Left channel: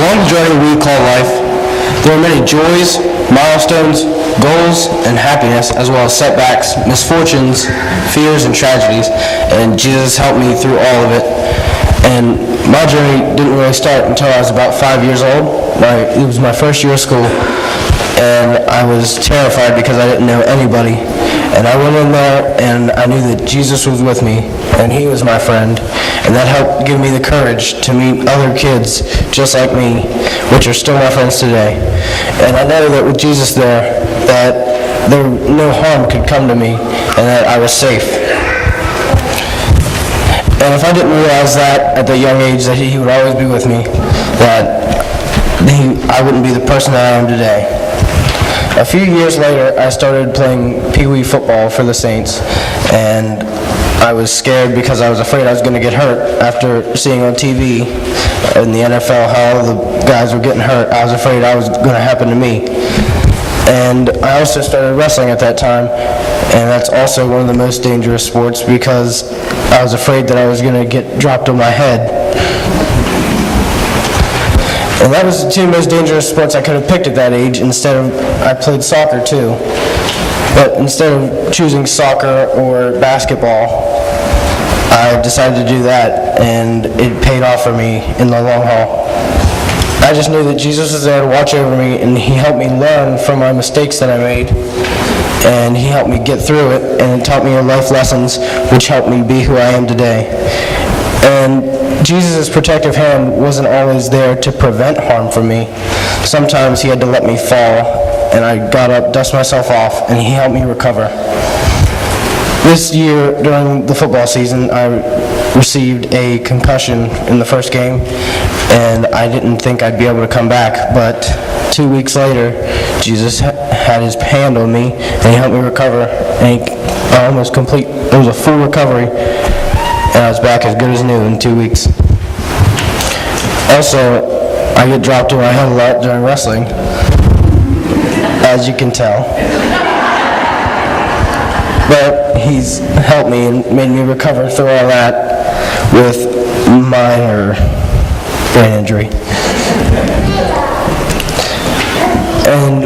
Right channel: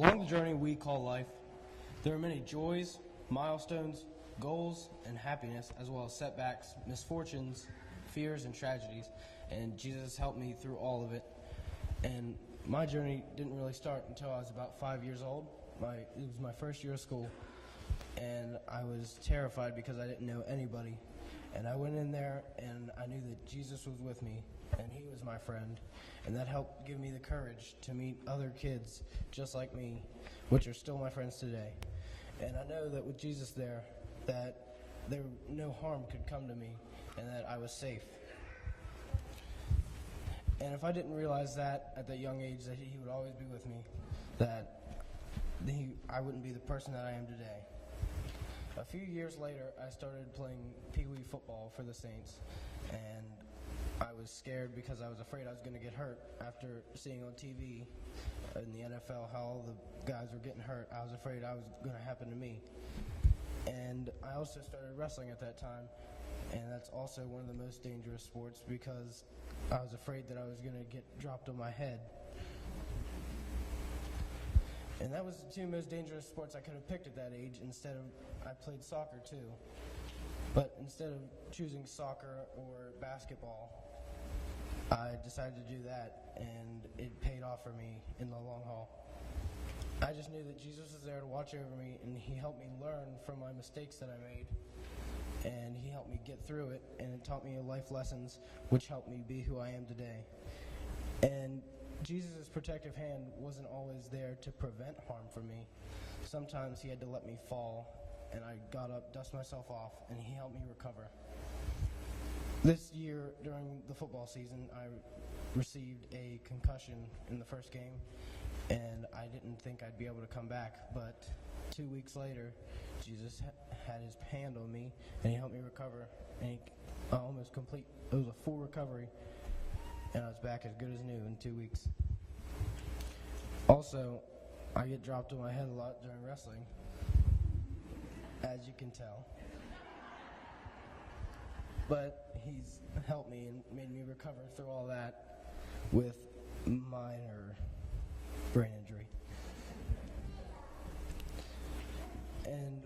Along the journey we call life, there are many joys, milestones, goals, and happiness, as well as setbacks, misfortunes, fears, and tragedies, and Jesus helped me through all of it. And my journey didn't really start until I was about 5 years old. It was my first year of school, and I was terrified because I didn't know anybody. And I went in there, and I knew that Jesus was with me, and he was my friend, and that helped give me the courage to meet other kids just like me, which are still my friends today. And I know that with Jesus there, that no harm could come to me, and that I was safe. And if I didn't realize that at the young age, that he would always be with me, that I wouldn't be the person that I am today. A few years later, I started playing Pee Wee football for the Saints, and I was scared because I was afraid I was going to get hurt. After seeing on TV in the NFL how the guys were getting hurt, I was afraid I was going to happen to me. And I also started wrestling at that time, and that's also one of the most dangerous sports because I was afraid that I was going to get dropped on my head. And that was the two most dangerous sports I could have picked at that age. I played soccer too. But instead of choosing soccer or basketball, I decided to do that, and it paid off for me in the long haul. I just knew that Jesus was there to watch over me, and he helped me learn from my mistakes that I made, and he helped me get through it, and it taught me life lessons which helped me be who I am today. And Jesus' protective hand wasn't always there to prevent harm from me. Sometimes he had to let me fall, and I got up, dust myself off, and he helped me recover. This year, during the football season, I received a concussion in the first game, and I didn't think I'd be able to come back, but 2 weeks later, Jesus had his hand on me, and he helped me recover, and it was a full recovery, and I was back as good as new in 2 weeks. Also, I get dropped on my head a lot during wrestling, as you can tell. But he's helped me and made me recover through all that with minor brain injury. And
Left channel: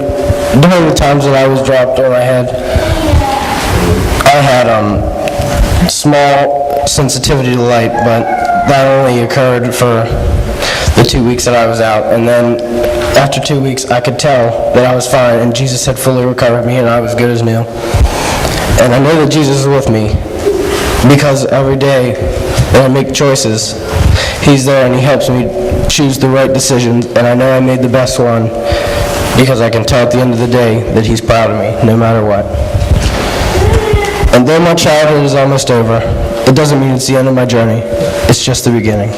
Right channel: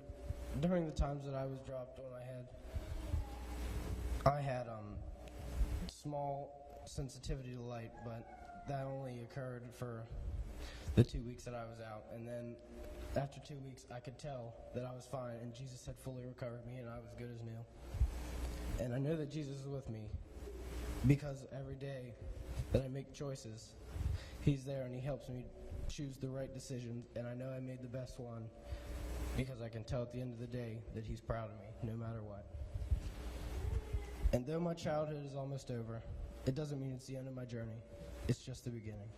during the times that I was dropped on my head, I had small sensitivity to light, but that only occurred for the 2 weeks that I was out. And then after 2 weeks, I could tell that I was fine, and Jesus had fully recovered me, and I was good as new. And I know that Jesus is with me because every day that I make choices, he's there and he helps me choose the right decisions, and I know I made the best one because I can tell at the end of the day that he's proud of me, no matter what. And though my childhood is almost over, it doesn't mean it's the end of my journey. It's just the beginning.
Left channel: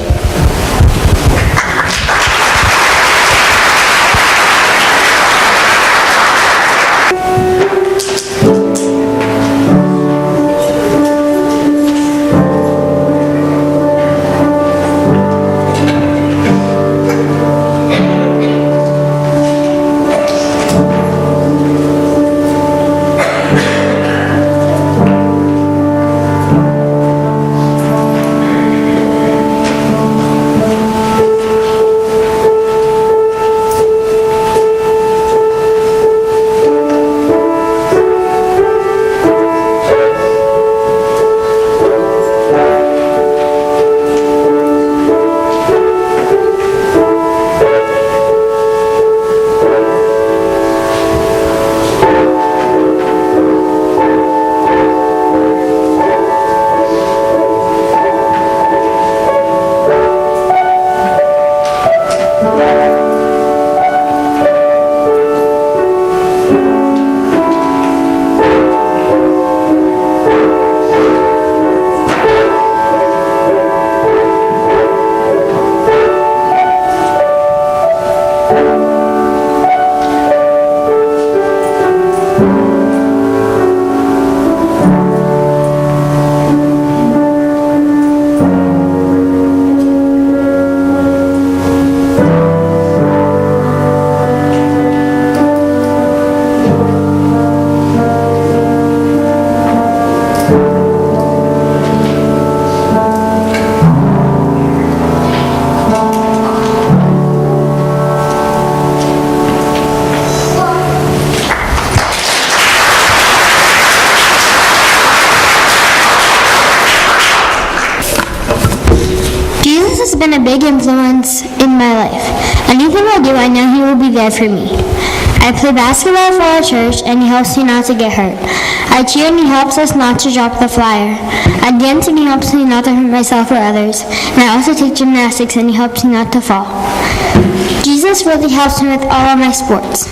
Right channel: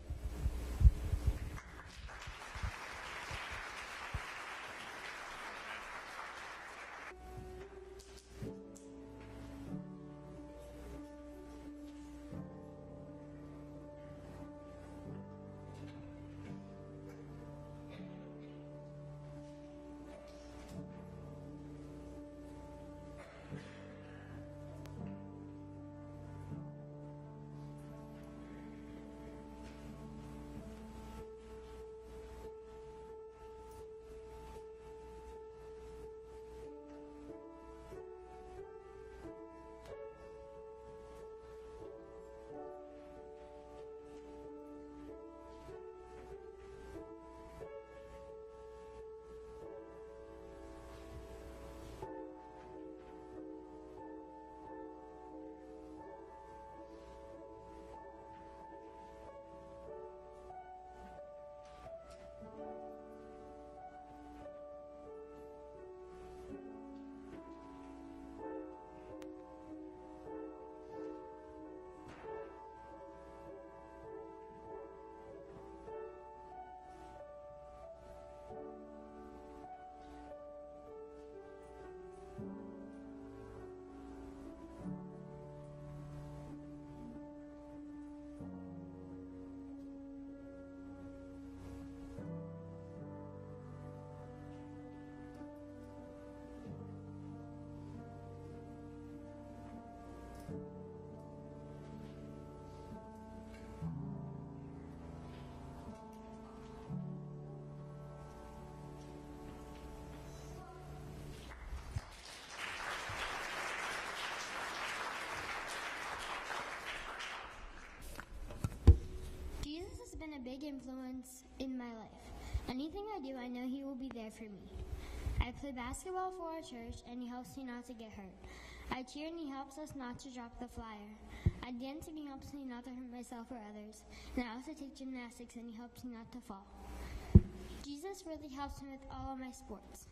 big influence in my life. Anything I do, I know he will be there for me. I play basketball for our church, and he helps me not to get hurt. I cheer, and he helps us not to drop the flyer. I dance, and he helps me not to hurt myself or others. And I also take gymnastics, and he helps me not to fall. Jesus really helps me with all of my sports.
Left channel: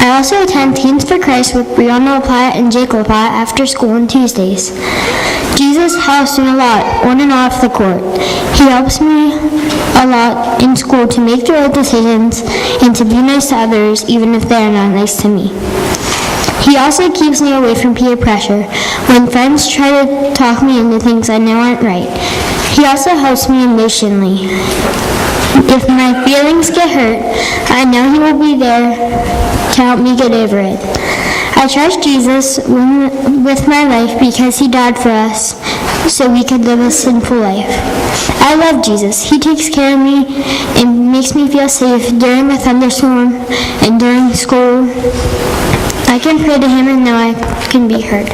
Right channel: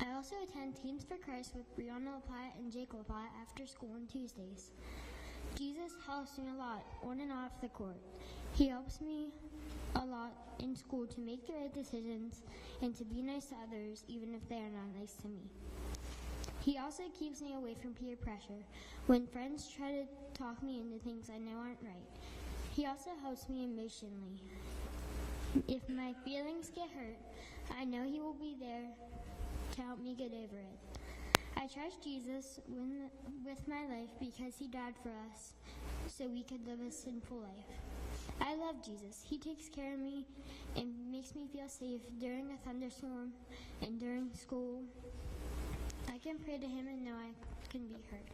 I also attend Teens for Christ with Brianna LaPlata and Jake LaPlata after school on Tuesdays. Jesus helps me a lot on and off the court. He helps me a lot in school to make the right decisions and to be nice to others even if they are not nice to me. He also keeps me away from peer pressure when friends try to talk me into things I know aren't right. He also helps me emotionally. If my feelings get hurt, I know he will be there to help me get over it. I trust Jesus with my life because he died for us so we could live a sinful life. I love Jesus. He takes care of me and makes me feel safe during the thunderstorm and during school. I can pray to him and know I can be heard.